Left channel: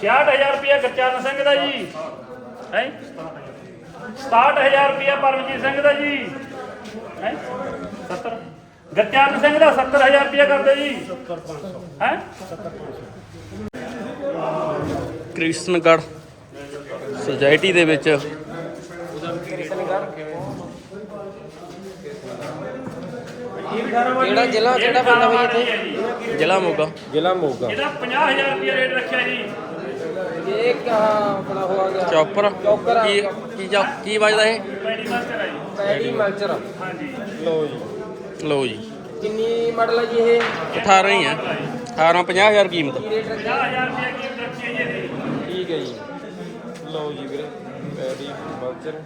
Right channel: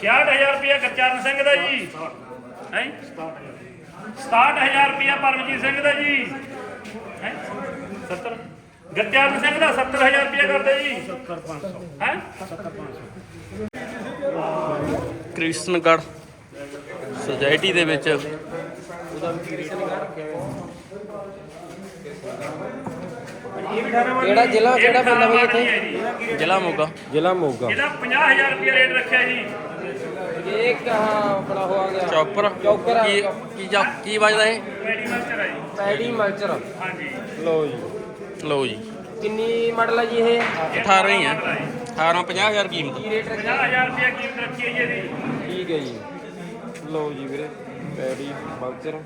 66000 ਰੁਪਇਆ ਗੁਰਚਰਨ ਸਿੰਘ ਦਾ ਜੀ। ਹੈ? 67000 ਰੁਪਇਆ ਪਰਮਜੀਤ ਸਿੰਘ ਦਾ ਜੀ। ਹੈ? 70 ਗੁਰਚਰਨ ਸਿੰਘ ਦਾ 70000 ਰੁਪਇਆ ਕਰਦੇ ਜੀ। 70500 ਹੈ? ਕ੍ਰਿਸ਼ਨਗੜ੍ਹ ਸੁਸਾਇਟੀ ਦੇ ਵਿੱਚ। ਕਿਹੜਾ ਜ਼ਿਲ੍ਹਾ ਕਿਹੜਾ ਪਿੰਡ ਹੈ ਜ਼ਿਲ੍ਹਾ ਮੋਗਾ ਜ਼ਿਲ੍ਹਾ ਮੋਗਾ। ਇਹਦਾ 50000 ਰੁਪਇਆ ਰੇਟ ਰੱਖਿਆ ਜੀ। ਇਹ ਕਿਹਾ ਆਪਣਾ ਹੋਰ ਚੌਪਰ ਚੌਪਰ। ਕੀ ਕੀ ਚੌ- ਕੀ ਵੱਜਦਾ ਇਹ? ਪੈਡੀ ਮਾਸਟਰ ਹੈ ਜੀ। Paddy mulcher. ਹਾਂਜੀ। ਲੋ ਜੀ। ਲਓ ਜੀ। ਕਿੰਨੀ ਮਾਡਲ ਹੈ ਜੀ ਇਹ? 18 ਹੀ ਹੈ 18 50000 ਕੀਮਤ। ਕੀ ਰੇਟ 50000 ਰੁਪਇਆ ਕੀਮਤ ਰੱਖੀ ਹੈ ਜੀ ਇਹਦੀ। ਠੀਕ ਹੈ ਜੀ। ਲੋ ਜੀ ਵੀਰੇ ਪੈਡੀ ਮਲਚਰ।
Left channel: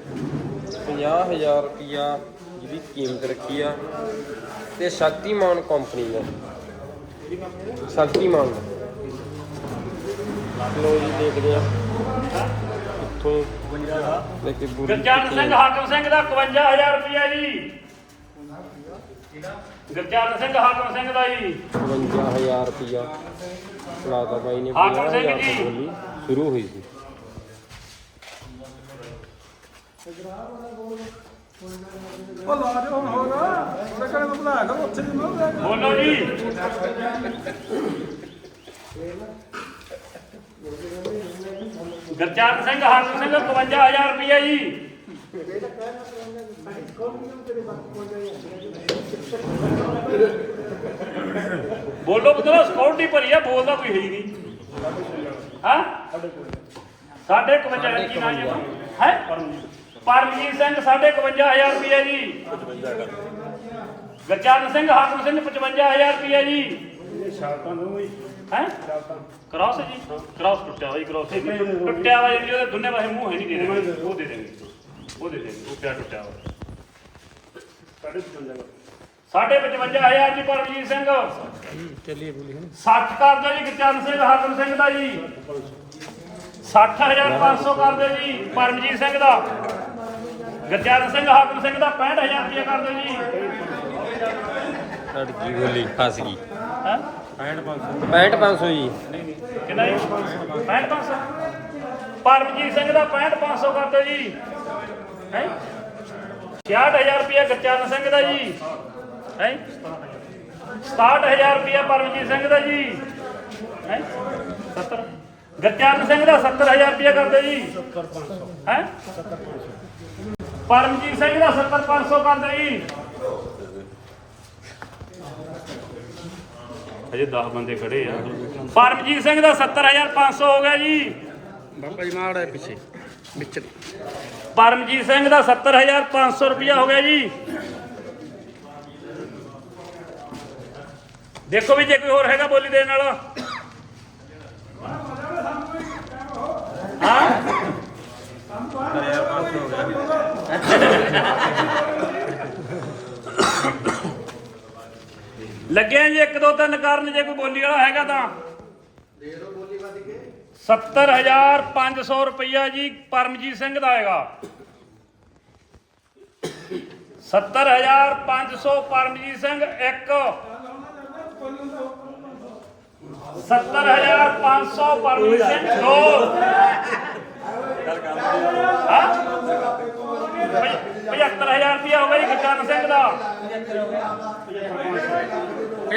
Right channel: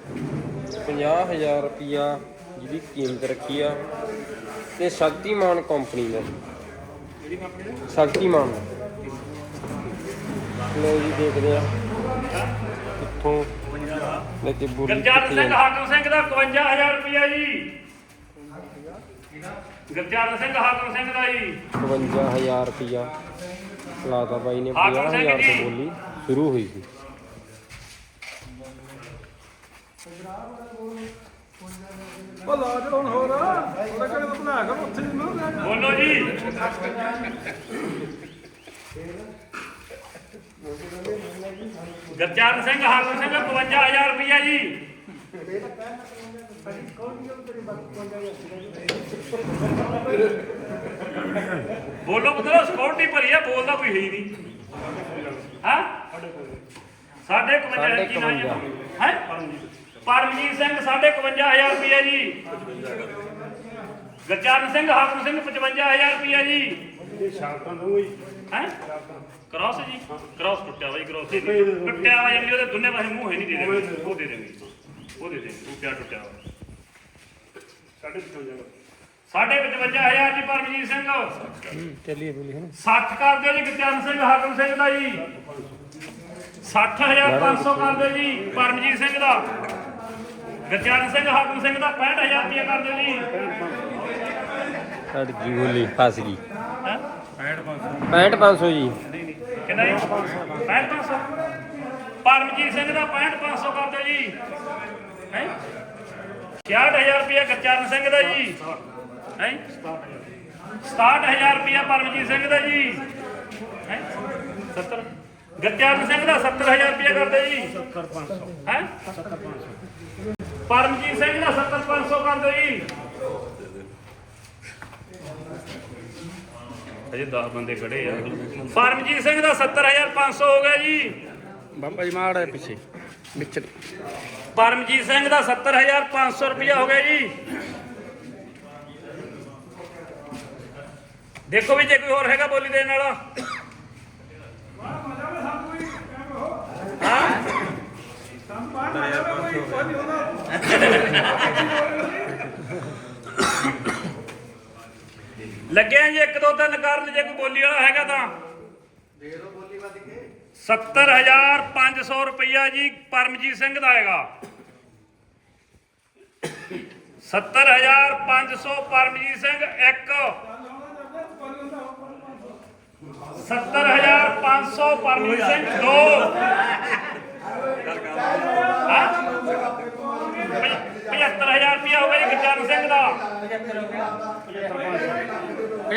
50000 ਰੁਪਿਆ ਜਿਹਦੀ ਕੀਮਤ ਰੱਖੀ ਆ। ਤੇ ਸ਼ਕਤੀਮਾਨ ਕੰਪਨੀ ਦਾ। ਸ਼ਕਤੀਮਾਨ। ਲੋ ਜੀ ਦੇਖਦੇ ਆ। ਕਿੱਥੋਂ ਲੈ ਕੇ ਬੁਰੀ ਗੁਰਚਰਨ ਸਿੰਘ ਹਾਕਮ ਸਿੰਘ ਦਾ 51000 ਰੁਪਇਆ ਜੀ। ਗੁਰਚਰਨ ਸਿੰਘ ਹਾਕਮ ਸਿੰਘ ਦਾ ਜੀ। 55000 ਰੁਪਿਆ ਲਾਦਾ ਬਾਈ ਨੇ ਹਾਕਮ ਸਿੰਘ 50,000 ਜੀ। ਬੋਲੀ ਸ਼ੁਰੂ ਹੋਈ ਸੀ। ਉਹ ਲਾ ਦੇ ਹੁਣ ਹੋਰ। ਉਹਦੇ ਕਣੇ ਬਣਾ ਕਰ ਉੱਥੇ ਨੂੰ ਬੋਲੋ ਜੀ। ਗੁਰਚਰਨ ਸਿੰਘ ਹਾਕਮ ਸਿੰਘ 51000 ਰੁਪਇਆ ਜੀ। ਬੋਲੋ ਬਦਲੋ ਸਿਕਿਉਰਿਟੀ ਭਰੀ ਆ ਬੋਲਦਾ ਕੋਈ ਹੈ ਹੀ ਨਹੀਂ। ਹਾਂ? ਸਾਡੇ 51 ਕੀ ਨਾਮ ਹੈ ਹੈ? ਪਰਮਜੀਤ ਸਿੰਘ ਸਾਡੇ 51000 ਰੁਪਇਆ ਜੀ। ਗੁਰਚਰਨ ਸਿੰਘ ਹਾਕਮ ਸਿੰਘ 55000 ਰੁਪਇਆ ਜੀ। ਹੈ। ਕ੍ਰਾਸ ਜੀ। ਕ੍ਰਾਸ ਟੁੱਟਿਆ ਹੋਈ ਕ੍ਰਾਸ ਟੁੱਟਿਆ ਹੋਇਆ ਜੀ ਉਹਦੇ ਦੋਨੇ ਪਾਸੇ ਮੂੰਹ ਹੈ ਨਹੀਂ ਦੇ। ਦੇਣਗੇ ਉਹ ਦੇ ਦੇਣਗੇ। ਉਹ ਦੇ ਦੇਣਗੇ। ਉਹ ਕਿਆ ਟੁੱਟਿਆ ਹੋਇਆ ਸਾਡੇ 55000 ਜੀ ਪਰਮਜੀਤ ਸਿੰਘ। ਚੱਲੀਏ ਬੋਲੀ 60 ਕਰ ਦਿਓ ਜੀ ਗੁਰਚਰਨ ਸਿੰਘ ਹਾਕਮ ਸਿੰਘ ਦਾ ਜੀ। 60500 ਕਰ ਦਿਓ ਜੀ ਪਰਮਜੀਤ ਸਿੰਘ ਦਾ। ਗੁਰਚਰਨ ਸਿੰਘ ਹਾਕਮ ਸਿੰਘ ਦਾ 65000 ਰੁਪਇਆ ਕਰ ਦਿਓ ਜੀ। ਅੜ ਗਈ ਬੋਲੀ ਫਸ ਗਈ। ਹਾਂ 65500 ਜੀ। ਕਿੰਨਾ ਜੀ? 65500 ਪਰਮਜੀਤ ਸਿੰਘ ਦਾ 65500 ਕਰ ਦਿਓ ਜੀ। ਹੈ? 66000 ਰੁਪਇਆ ਗੁਰਚਰਨ ਸਿੰਘ ਦਾ ਜੀ। ਹੈ? 67000 ਰੁਪਇਆ ਪਰਮਜੀਤ ਸਿੰਘ ਦਾ ਜੀ। ਹੈ? 70 ਗੁਰਚਰਨ ਸਿੰਘ ਦਾ 70000 ਰੁਪਇਆ ਕਰ ਦਿਓ ਜੀ। 70500 ਹੈ? 70500 ਪਰਮਜੀਤ ਸਿੰਘ ਦਾ 70500 ਕਰ ਦਿਓ ਜੀ। ਇਹ 10 ਬੰਦੇ ਖੜੇ ਆ। ਪਰਮਜੀਤ ਸਿੰਘ ਦਾ 70500 ਹੋ ਗਿਆ ਜੀ। ਬਾਬਾ ਜੀ ਮਾੜਾ ਪਿੱਛੇ ਵਿੱਚ। ਪਰਮਜੀਤ ਸਿੰਘ ਦਾ 70500 ਰੁਪਇਆ ਹੋ ਗਿਆ ਜੀ। ਦੇਖੋ ਵੀ ਜੇ ਕੋਈ ਹੋਰ ਹੈਗਾ ਬੋਲੀ ਦੇਣ ਵਾਲਾ। ਲੱਗਿਆ ਜੀ, ਇੱਕ ਦੋ ਤਿੰਨ ਕਾਰਨ, ਜੇ ਕੋਈ ਬੋਲੀ ਵਾਲਾ ਹੈਗਾ ਤਾਂ। 70500 ਰੁਪਇਆ ਜੀ ਪਰਮਜੀਤ ਸਿੰਘ ਦਾ ਹੈਗਾ। 70500 ਪਰਮਜੀਤ ਸਿੰਘ, ਇੱਕ। 70500 ਪਰਮਜੀਤ ਸਿੰਘ, ਦੋ। ਹਾਂ? 75000 ਰੁਪਇਆ ਹੋ ਗਿਆ ਜੀ ਕਰਨ ਸਿੰਘ ਦਾ।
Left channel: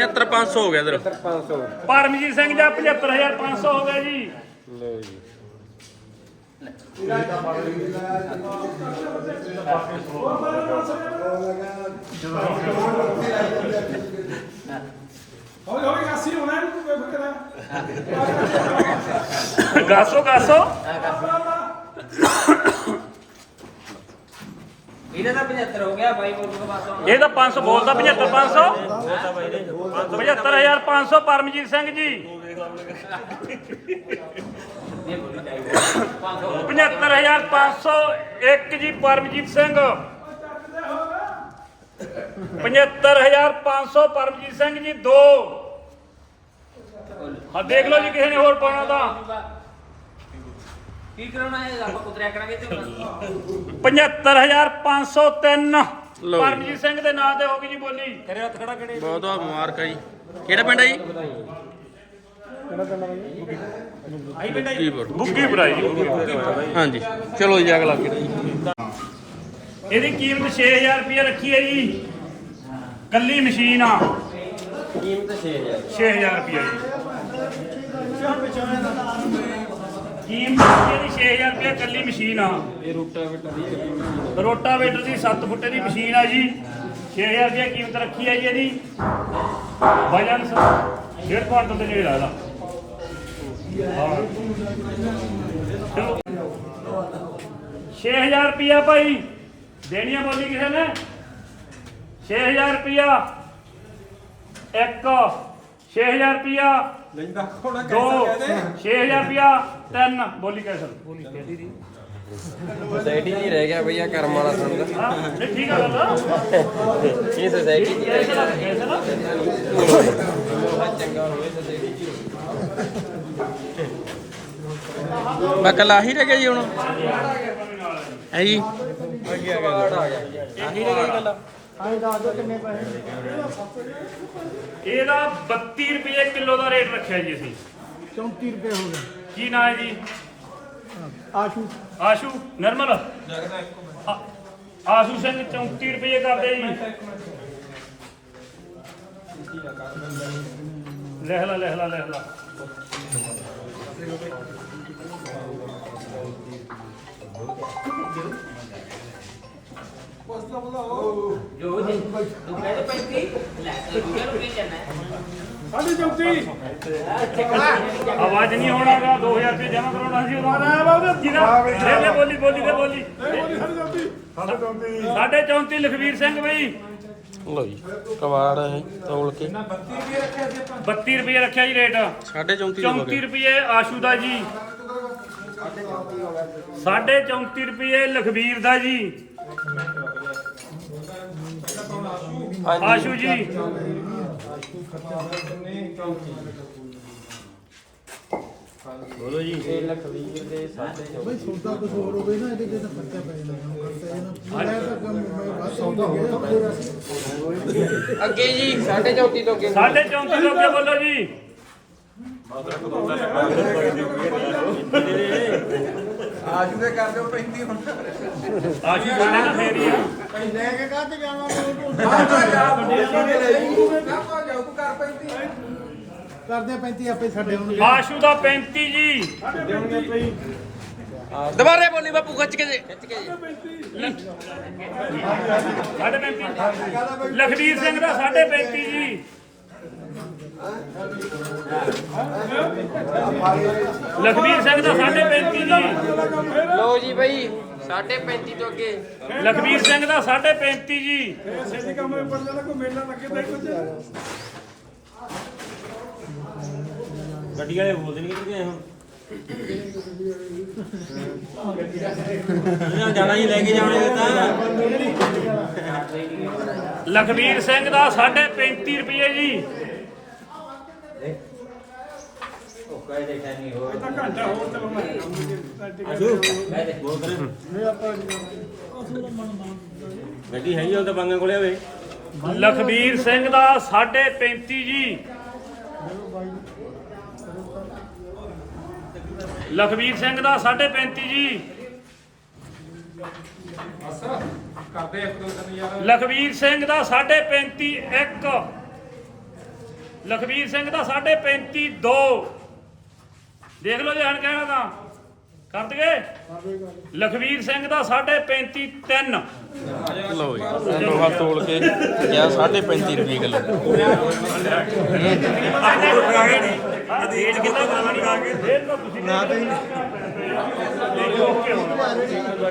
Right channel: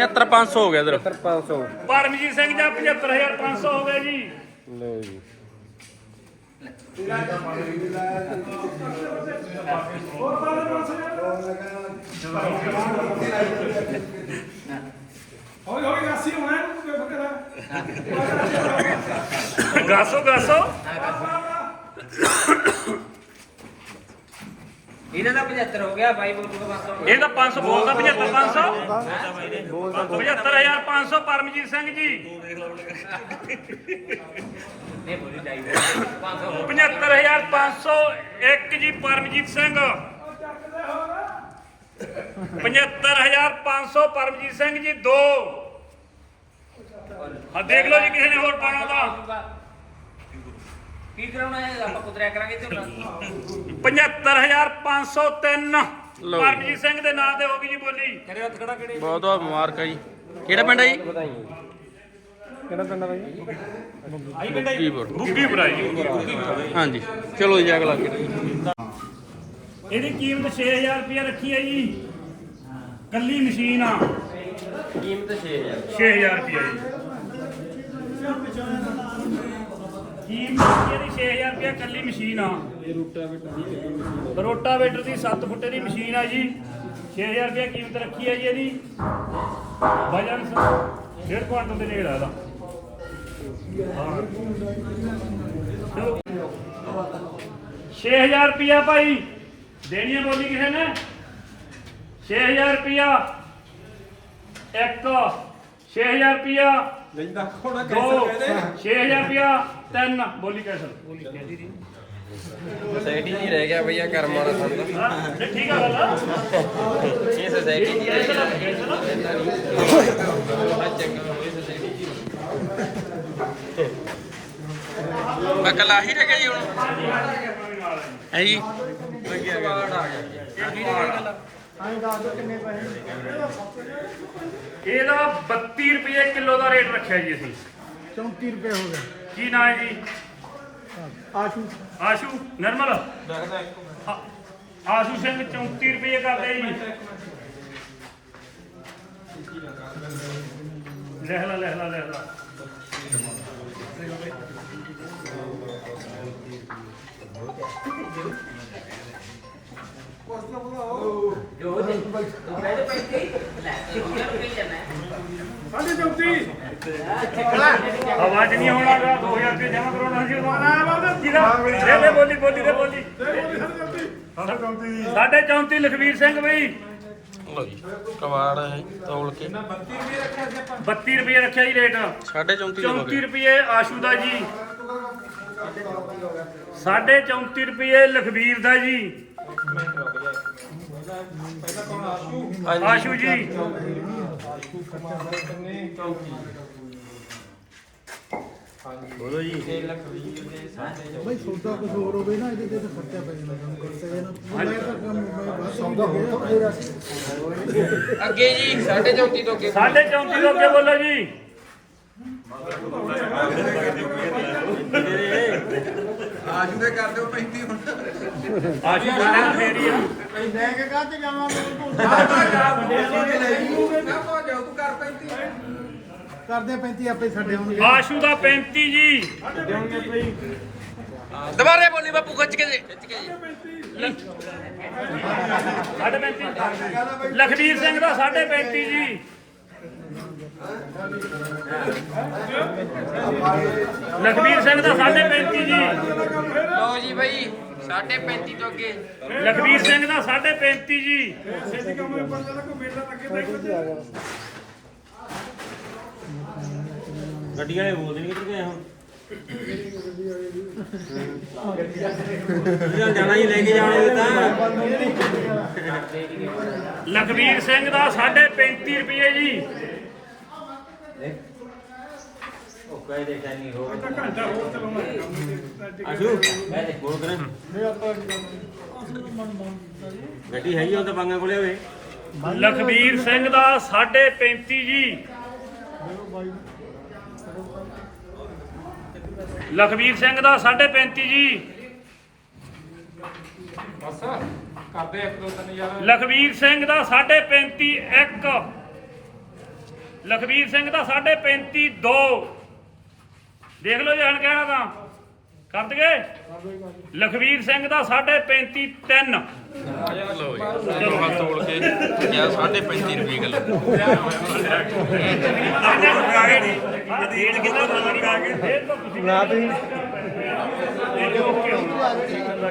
75500 ਹੋ ਗਿਆ ਇਧਰ। 500 ਪਰਮਜੀਤ ਸਿੰਘ ਦਾ 75500 ਹੋ ਗਿਆ ਜੀ। ਲੋ ਜੀ। ਹੌਲੀ ਹੌਲੀ ਅਸੀਂ ਹੋਣਾ ਨੂੰ ਕੋਈ ਫਕਰਾ ਗਾਸੋ ਗਾਸੋ। ਇਹਦਾ ਤਾਂ 75 ਹੋ ਗਿਆ ਬਾਈ ਬੋਲੂਗਾ ਬਸ ਹੁਣ। ਇਹ ਤਾਂ 500 ਬੋਲਦਾ 75500 75500 ਪਰਮਜੀਤ ਸਿੰਘ ਜੀ। ਇਹ ਬੋਲੀ ਚਾਹੀਦੀ। 500 ਹੋਰ। 75500 ਇੱਕ ਜੀ ਪਰਮਜੀਤ ਸਿੰਘ। 75500 ਪਰਮਜੀਤ ਸਿੰਘ ਜੀ ਦੋ। ਹਾਂ ਦੇਖ ਲਓ ਜੀ ਕਿਸੇ ਨੇ ਹੋਰ ਪਾਉਣਾ ਤਾਂ। ਕੀ ਕਰਾਉਣਾ ਹੈ? ਆਪਾਂ ਕੁਤਰਿਆ ਕਰਾਂਗੇ ਤੇ 75503 ਲਓ ਜੀ। ਪਰਮਜੀਤ ਸਿੰਘ ਦੇ ਨਾਂ ਤੇ ਹੋ ਗਈ ਜੀ ਬੋਲੀ। ਬਹੁਤ ਬਹੁਤ ਮੁਬਾਰਕਾਂ ਜੀ। ਕਿਹੜਾ ਪਿੰਡ ਹੈ ਜੀ? ਕਿਹੜਾ ਪਿੰਡ ਆ ਬਾਈ? ਕੀਪਰ ਬੁੱਗੀ ਭਰਾਈ ਜੀ। ਹਾਂਜੀ। ਚਲੋ ਜੀ ਅਗਲਾ ਕਿਹੜਾ ਇਹਦੀ ਕੀਮਤ 6000 ਰੁਪਏ ਰੱਖੀ ਹੈ ਜੀ। ਕੱਲੀ ਮਸ਼ੀਨ ਆ। ਕੀਮਤ 6000 6000 ਰੁਪਏ ਜੀ। ਕੀਮਤ ਇਹਦੀ 6000 ਰੁਪਏ ਕੱਲੀ ਮਸ਼ੀਨ ਆ। ਇਹ ਰੂਟਾ ਬੇਟਾ ਦੀ ਰੋਟਾਵੇਟਰ ਦੀ 7 ਫੁੱਟ ਦੀ ਮਸ਼ੀਨ ਆ ਜੀ। 6000 ਰੁਪਏ ਕੀਮਤ ਰੱਖੀ ਹੈ ਜੀ ਇਹਦੀ। ਵਜਨ ਸ- ਡੇਢ ਕੁਆਂਟਲ ਦੇ ਨੇੜੇ ਹਾਂ। ਚਲੋ। 6000 ਰੁਪਿਆ ਭਾਈ। ਦੇਣੀਆਂ ਬੋਲੀ ਕਿਸੇ ਨੇ? 6000 ਰੁਪਿਆ ਇੱਕ। 6000 ਰੁਪਿਆ ਲੈਂਦਾ। ਕੋਣਾ ਦੋ। 6000 ਰੁਪਿਆ ਤਿੰਨ ਬੋਲੀ ਕੈਸਰ ਸੋਸਾਇਟੀ ਜੀ ਰਹਿ ਗਿਆ ਭਈਆ ਕਰਮ ਵਾਲਾ ਸੰਦ ਹਾਂ ਠੀਕ ਹੈ ਗੱਲ ਇਹ ਸੋਸਾਇਟੀ ਮੈਂ ਕੱਲ ਆਹੀ ਰਹਿ ਗਿਆ ਜੀ ਹੁਣ। ਹੈ ਜੀ? ਇਹਦਾ 32 ਰੁਪਏ ਕਿਲੋ ਦਾ ਰੇਟ ਰੱਖਿਆ ਜੀ ਅਸੀਂ। 34 ਰੁਪਏ ਹੋ ਗਏ। ਕੀ ਨਾਂ ਹੈ ਜੀ? ਆਸ਼ੂ। ਆਸ਼ੂ ਨਰਮਲ। ਆਸ਼ੂ ਸਿੰਘ 34 ਰੁਪਏ ਕਰਦੇ ਜੀ। ਲਿਖ ਲਾ ਲਿਖ ਲਾ ਲਿਖ ਲਾ ਜੋ ਜੀ ਤੂੰ ਕਹਿੰਦੇ ਭਾਈ ਕੀ ਲੈ ਤੇ ਰੁਪਏ ਰੁਪਏ ਜਾਣਾ ਸਾਢੇ 34 ਆਵਾਜ਼ ਨਹੀਂ ਹੋਣਾਗਾ 2000 ਰੁਪਏ ਜਮਾ ਕਰਾਉਣਾ ਸੀ ਉਹਨਾਂ ਜਿਹਦਾ ਲੈ ਲੈ ਬੋਲੀ ਬੋਲੀ ਤੇ ਬੋਲੀ। ਸਾਡੇ 34 ਲਖਵੀਰ ਸਿੰਘ ਬਈ। ਲਓ ਜੀ ਕਵਾੜ ਹੈ ਤੋਲ ਕੇ। 32 ਰੁਪਏ ਰੱਖਿਆ ਜੀ ਰੇਟ। 34.5 34 ਰੁਪਏ। ਆਸ਼ੂ ਦਾ ਜੀ। ਸਾਢੇ 34 ਰੁਪਏ ਲਖਬੀਰ ਦਾ ਜੀ। ਆਸ਼ੂ ਜੀ। ਬਈ ਸੌਦਾ ਕੁਝ ਹੋਰ ਹੋਵੇ ਨਾ ਇਹਦੇ ਤੇ ਤਾਂ ਖਰਚਾ ਪੈ ਜਾਂਦਾ। ਖਰਚਾ ਜਨਾ ਤਾਂ ਕੰਮ ਸੌਦਾ ਹੋਰ ਤਾਂ ਪੂਰਾ। ਅੱਗੇ ਜੀ 34 ਤੋਂ ਅੱਗੇ। ਸਾਢੇ 34 ਤੋਂ ਅੱਗੇ ਬੋਲੋ ਜੀ। ਆਸ਼ੂ ਦੇ ਕਰਦੇ ਹੋ 35 ਹੁਣ। ਆਸ਼ੂ ਬੋਲੇ ਨਾ ਫੇਰ ਹੀ ਆ। ਲੈ ਕੇ ਕਾਹ ਤੇ ਜਾਵਾਂਗੇ ਕਰਦੇ 35 ਆਪੇ ਛੱਡੇ ਹੋਣਗੇ ਆਸ਼ੂ ਦਾ 35 ਜੀ। ਦੁਬਾਰੇ ਬੋਲੀ ਬਾਪੂ ਖਿੱਚ ਕੇ ਜੀ ਸਾਢੇ 35 ਲਖਬੀਰ ਸਿੰਘ ਦਾ ਸਾਢੇ 35 ਜੀ। ਲਖਬੀਰ ਸਿੰਘ ਦਾ ਸਾਢੇ 35 ਜੀ। ਲਓ ਜੀ ਬਈ 35 ਤੋਂ ਅੱਗੇ। ਲਖਬੀਰ ਸਿੰਘ ਦਾ ਸਾਢੇ 35 ਜੀ। ਛੇਤੀ ਕੰਮ ਵਿੱਚ ਪਤਾ ਲੱਗਾ ਮੇਲਾ ਲੱਗੇ ਤਾਂ ਕੁਝ ਗੱਡੀ ਵਾਲੇ ਬੋਲਦੇ ਨਹੀਂ ਕਿੱਧਰ ਗਏ ਹੁਣ? ਜਿਹੜਾ ਜਾਣਾ ਜੀ ਲੈ ਕੇ ਜਾਣਾ ਤਾਂ। ਲਖਬੀਰ ਸਿੰਘ ਦਾ ਸਾਢੇ 35 ਰੁਪਏ ਜੀ। ਆਜੂ ਬੋਲ ਕਰੇ। ਗੱਡੀ ਹੈਗੀ ਹੁਣ ਤਾਂ ਬਾਂਗਾ ਕੋਲੇ ਹੋਵੇ ਲਖਬੀਰ ਸਿੰਘ ਦਾ ਸਾਢੇ 35 ਜੀ। ਲਖਬੀਰ ਸਿੰਘ ਦਾ ਸਾਢੇ 35 ਜੀ। ਕਰਦੇ ਇੱਕ ਦੋ ਯਾਰ। ਲਖਬੀਰ ਸਿੰਘ ਦਾ ਸਾਢੇ 35 ਇੱਕ। ਲਖਬੀਰ ਸਿੰਘ ਦਾ ਸਾਢੇ 35 ਦੋ। ਦੇਖ ਲਓ ਜੇ ਹਣ ਕਹਿਣਾ ਤਾਂ। ਕਰ ਦਗੇ ਲਖਬੀਰ ਸਿੰਘ ਦਾ ਸਾਢੇ 35 ਤਿੰਨ। ਲਓ ਜੀ ਦੋਹਾ ਤੋਲ ਕੇ ਗਿਆ 35.5 ਰੁਪਏ ਕਿਲੋ।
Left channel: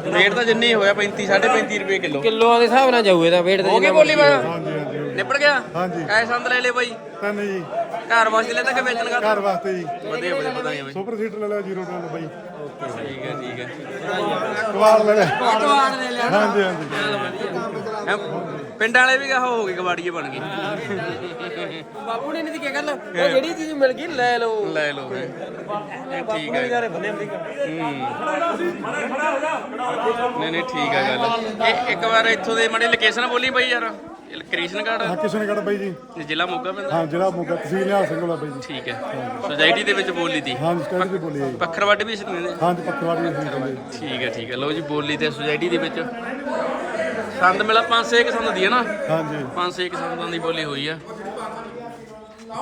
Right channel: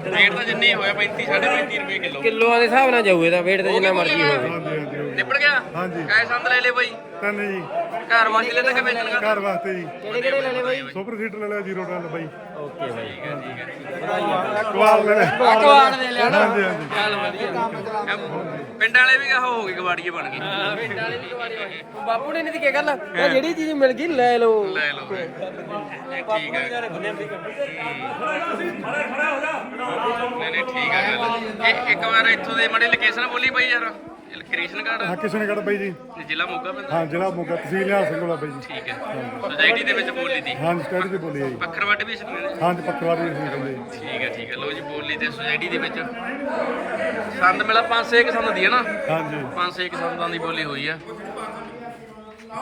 ਰੇਟ ਤਾਂ ਜਿੰਨੀ ਹੋਇਆ 35 35.5 ਰੁਪਏ ਕਿਲੋ। ਕਿਲੋਆਂ ਦੇ ਹਿਸਾਬ ਨਾਲ ਜਾਊ ਇਹਦਾ ਵੇਟ ਤੇ ਜਿੰਨਾ ਮਰਜ਼ੀ ਹੋਵੇ ਨਿਪਟ ਗਿਆ? ਹਾਂਜੀ। ਐ ਸੰਦ ਲੈ ਲੈ ਬਾਈ। ਤਨ ਜੀ। ਘਰ ਵਾਸਤੇ ਲੈਣਾ ਕਿ ਵੇਚਣ ਘਰ ਕਰ ਵਾਸਤੇ ਜੀ। ਵਧੀਆ ਵਧੀਆ ਵਧਾਈਆਂ ਬਾਈ। ਸੁਪਰ ਸੀਟਰ ਲੈ ਲਿਆ ਜ਼ੀਰੋ ਟਨ ਬਾਈ। ਠੀਕ ਹੈ ਠੀਕ ਹੈ ਕਵਾੜ ਲੈ ਲਿਆ। ਹਾਂਜੀ ਹਾਂਜੀ। ਪਿੰਡ ਵਾਲੇ ਵੀ ਕਹੋ ਹੋ ਗਏ ਕਬਾੜੀਏ ਬਣ ਗਏ। ਬਾਪੂ ਨੇ ਨਹੀਂ ਕੀ ਗੱਲ? ਉਹ ਜਿਹੜੀ ਚੀਜ਼ ਮਿਲ ਗਈ ਲੈ ਲਓ। ਲੈ ਲਓ ਠੀਕ ਹੈ। ਨਹੀਂ ਨਹੀਂ ਠੀਕ ਹੈ ਗੱਲ। ਇੱਕ ਵਾਰ ਇੱਥੋਂ ਦੇ ਮਾੜੀ ਲੋਕੇਸ਼ਨ ਬੋਲੀ ਬਾਈ ਯਾਰ। ਕ੍ਰਿਸ਼ਨਗੜ੍ਹ ਹਾਂ ਕਿਸ਼ਨਗੜ੍ਹ ਬਾਈ ਜੀ। ਤੇ ਜ਼ਿਲ੍ਹਾ ਮੋਗਾ ਪੈਂਦਾ? ਹਾਂ ਜ਼ਿਲ੍ਹਾ ਮੋਗਾ ਤਹਿਸੀਲ ਨਿਹਾਲ ਸਿੰਘ ਵਾਲਾ ਬਾਈ ਜੀ। ਠੀਕ ਹੈ। ਸੁਸਾਇਟੀ ਦੇ ਵਿੱਚ ਬੋਲੀ ਤੀ ਹਾਂ ਸਟੱਡੀ ਦੀ ਬੋਲੀ ਹੈ ਜੀ। ਪੱਖਰਵੱਟ ਵੀ ਇਸ ਨੂੰ ਕਹਿੰਦੇ ਹਾਂ ਜੀ ਪੱਕਵਾੜੀ ਅਸੀਂ ਕਹਿੰਦੇ ਠੀਕ ਹੈ ਠੀਕ ਹੈ। ਲਓ ਜੀ ਬੋਲੀ ਤੇ ਸੁਸਾਇਟੀ ਦੇ ਵਿੱਚ। ਸੰਦ ਮਿਲਾ 500 ਇੱਕ ਸੰਦ ਦੀ ਹੈ ਨਾ? ਹਾਂ ਜੀ 500 ਇੱਕ ਸੰਦਾਂ ਦੀ ਬੋਲੀ ਹੋਈ ਆ।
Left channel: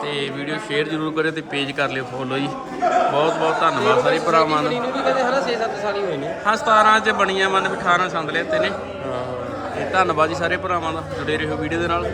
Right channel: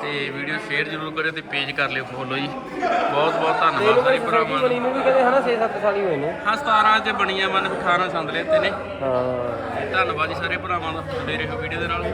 ਤੇ ਵੀਡੀਓ ਸ਼ੇਅਰ ਜ਼ਰੂਰ ਕਰਿਓ ਤੇ ਪੇਜ ਕਰ ਲਿਓ ਫੋਲੋ ਜੀ। ਬਹੁਤ ਬਹੁਤ ਧੰਨਵਾਦ ਸਾਰੇ ਭਰਾਵਾਂ ਦਾ ਕਹਿੰਦੇ ਹਨਾ 6-7 ਸਾਲ ਹੀ ਹੋਏ ਨੇ। ਹਾਂ 17 ਚ ਬਣੀਆਂ ਮਨ ਵੀ 18 ਸੰਦ ਲੈਤੇ ਨੇ। ਹਾਂ। ਧੰਨਵਾਦ ਜੀ ਸਾਰੇ ਭਰਾਵਾਂ ਦਾ ਜੁੜੇ ਰਹੋ ਵੀਡੀਓ ਦੇ ਨਾਲ।